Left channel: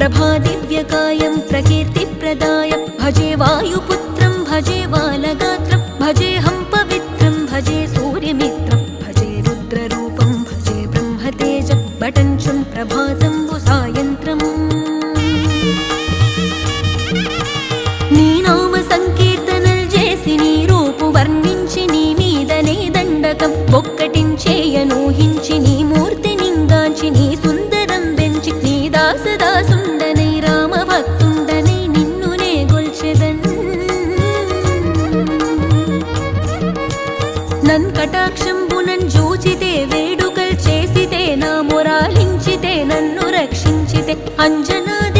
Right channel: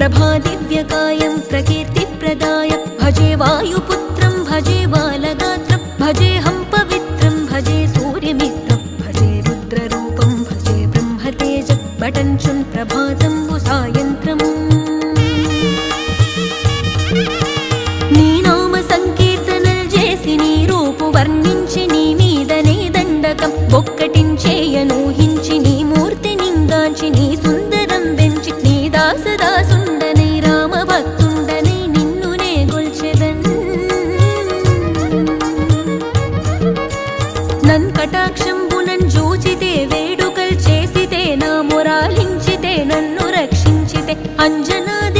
ప్రభాదివ్యకాయం ప్రకీర్తిప్రదాయ భజే వాయుపుత్రం భజే బాలగాత్రం భజేహం పవిత్రం భజే సూర్యమిత్రం భజే రుద్రరూపం భజే బ్రహ్మతేజం బటంచున్ ప్రభాతంబు సాయంత్రం నీ నామ సంకీర్తనల్ చేసి నీ రూపు వర్ణించి నీ మీదనే దండకం బొక్కటించేయనూహించి నీ మూర్తి నింగాంచి నీ సుందరం బెంచి నీ దాసదాసుండనై రామభక్తుండనై నిన్నునే గొల్చెదన్ నన్ కటాక్షంబునన్ జూచితే వేడుకల్ చేసితే నా మొరాలించితే నన్ను రక్షించితే అంజనాది